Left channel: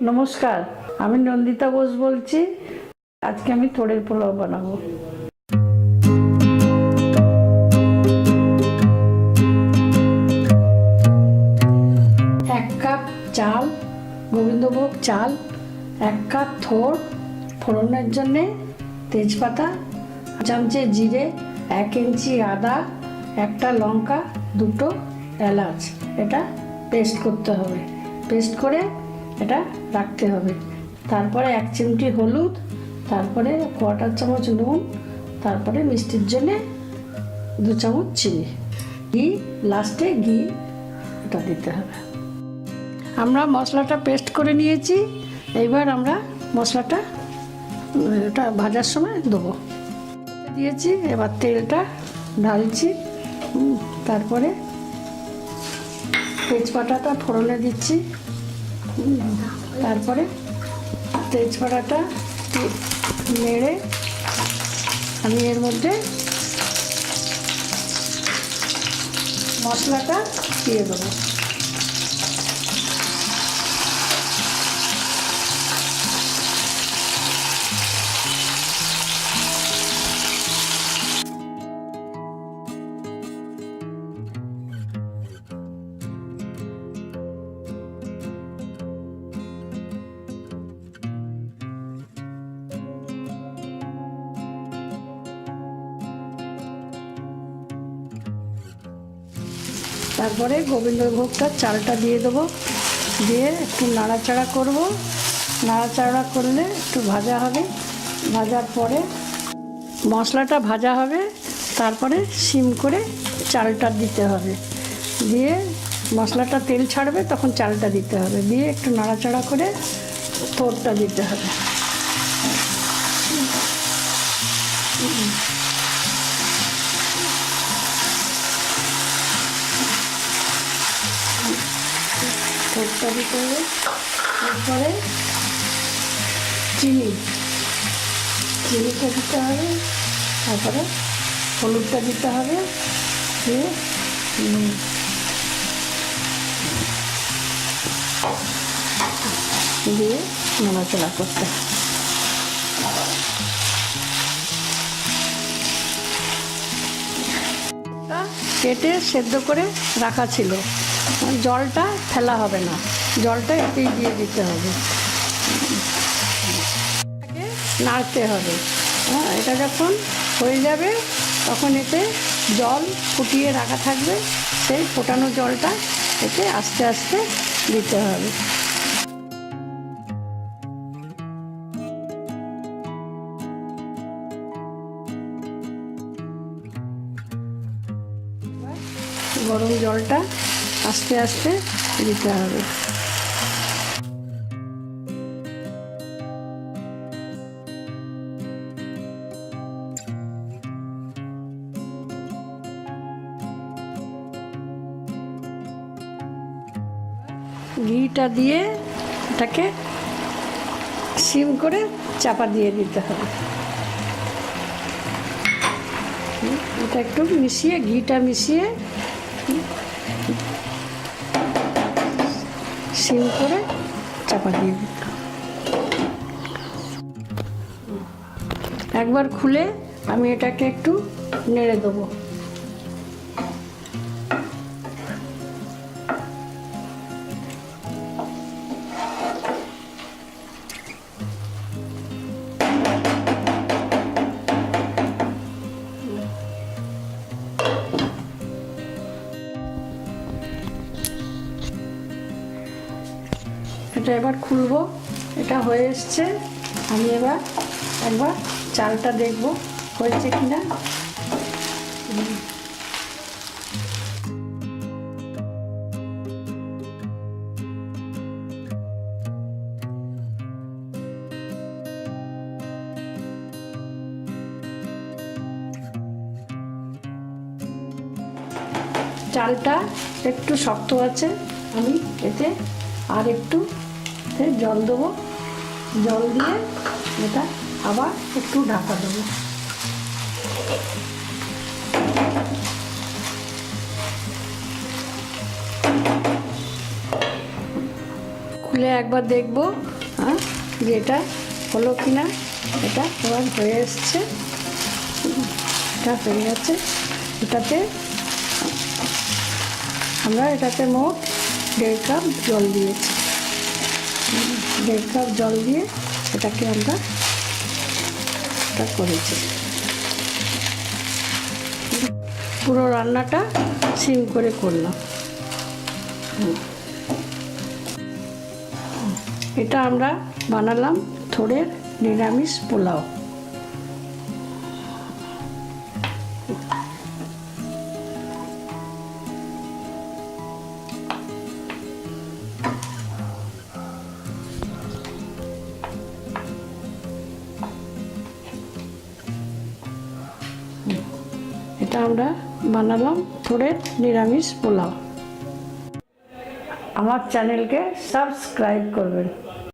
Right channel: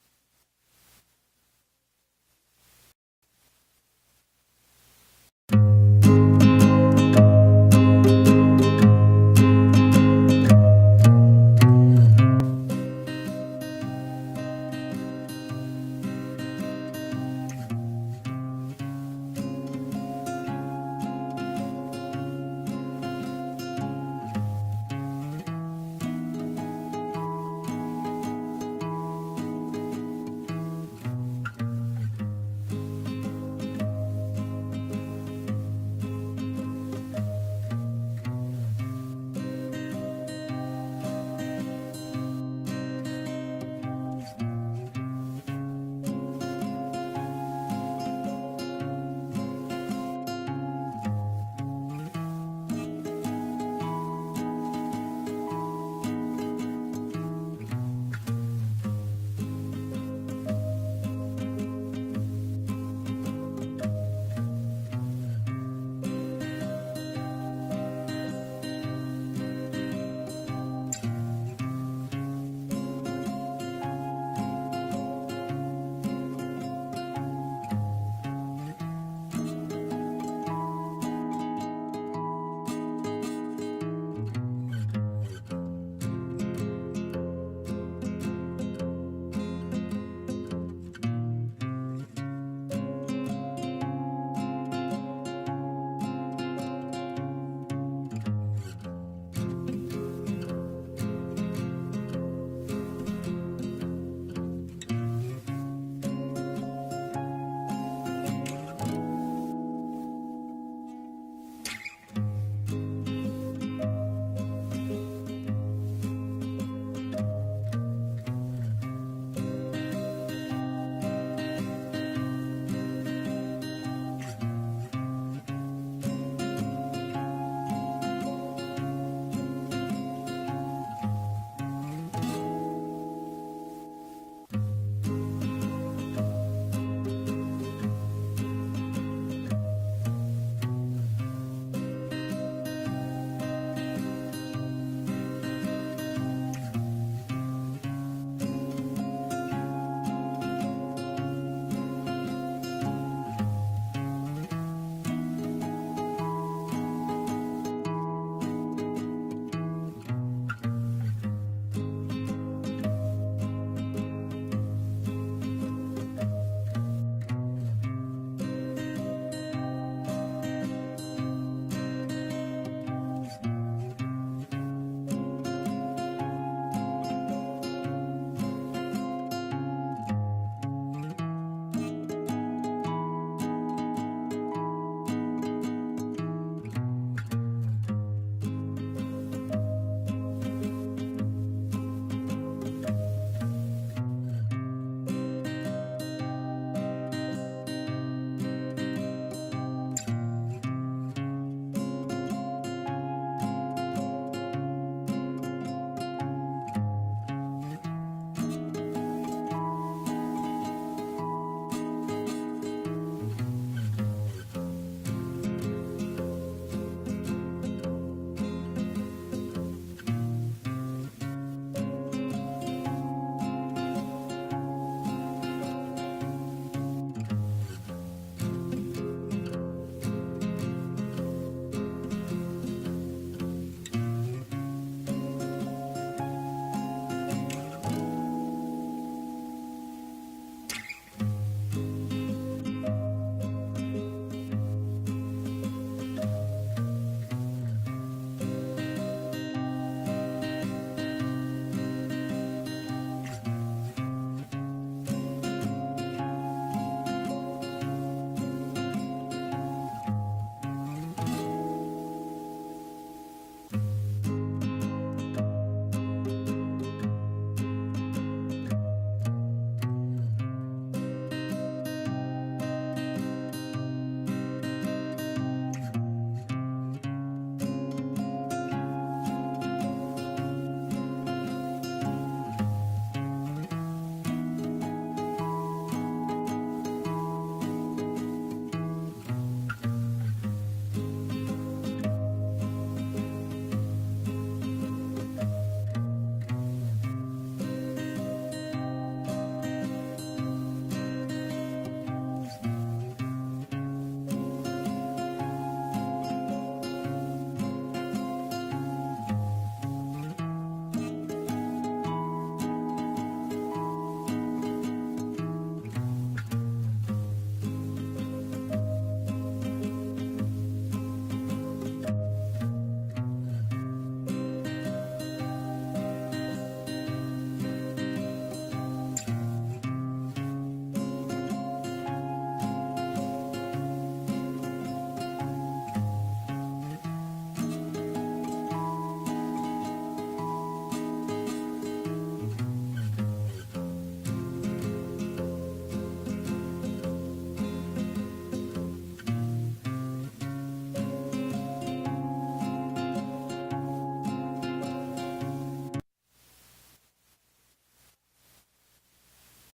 নমস্কার, আমি নন্দিতা বোস বলছি। আজকে আমি থোড়ের পোলাও বানাবো। এক কাপ চাল, গোবিন্দভোগ চাল, 1 কাপ থোড়, ফোড়নের জন্যে তেজপাতা, চামচে জিরে, 1 ইঞ্চি আদা, 1টা লঙ্কা, 2টো এলাচ। এটা পেস্ট করতে হবে। পেস্ট করে এটা রাখতে হবে। তারপরে 1 চিমটি হলুদ, তারপরে 1/4 চামচ নুন, তারপরে মিষ্টির জন্য 2 চামচ চিনি, ঘি, লাস্টে ঘি এটা দিতে হবে। আমরা মশলাটা পেস্ট করে নিয়েছি। এবার আমরা মশলাটা এটা ভাজার সময় দেবো। দিয়েছি, এবার তেলটা ঢালছি। তারপরে তেজপাতাটা ফোড়নে দিচ্ছি। তারপরে তেজপাতাটা নেড়ে আমি এর মধ্যে মশলাটা দিয়ে দেবো। তারপরে গোবিন্দভোগটা চালটা দিয়ে দেবো। দিয়ে একটু নাড়াচাড়া করব। নাড়াচাড়া করলে একটু ভাজা হবে। ভাজার পরে মশলাটা ভাজা হবে। তারপরে সিম করে চালটা দিতে হবে। দিয়ে মশলাটা তেল ছাড়বে, তখন চালটা দিতে হবে। দিয়ে একটু নাড়াচাড়া করে থোড়টা দিতে হবে। থোড়টা দিতে হবে। তারপরে চিনিটা দিতে হবে। তারপরে হলুদটা দিতে হবে। দিয়ে নাড়াচাড়া করতে হবে। কেটে সেদ্ধ করে রাখা ছিল। জলটা ফেলা হবে না, জলটা এতেই দিয়ে দিতে হবে। নাড়তে হবে। এটা যখন হয়ে যাবে তখন এতে জল ফুটিয়ে রাখা থাকবে। সেই ফোটানো জলটা এতে আস্তে আস্তে দিতে হবে। গরম জলটা আস্তে আস্তে দিতে হবে। ঘিটা দিয়ে এটাকে সিম করে চাপা দিয়ে দিতে হবে। এটা একটু মিশিয়ে, ঘিটা মিশিয়ে সিম করে চাপা দিয়ে দিতে হবে। একবার খুলে আমি এটাকে একটু নেড়ে দেবো। এটা এবার খুলবো। এটা হয়ে এসছে। আমি এবার একবার চালটা দেখবো হয়েছে কিনা। চালটা একটু শক্ত আছে। আমি এতে আর একটু জল দেবো। জল দিয়ে এটা আবার একটু ঢাকা দেবো। খুলে একবার দেখবো যে এটা হলো কিনা। এটা এবার হয়ে এসছে, এটা হয়ে গেছে। এটাতে মোট 1.5 কাপ জল দিয়েছি। 1.5 কাপ জল দিয়ে এটাকে আমরা করেছি। পুরো রান্নাটা সিম করে করলাম। এটা আমরা বানালাম থোড়ের নিরামিষ পোলাও। এটা আমরা বানালাম থোড়ের নিরামিষ পোলাও। আমার চ্যানেলকে সাবস্ক্রাইব করবেন।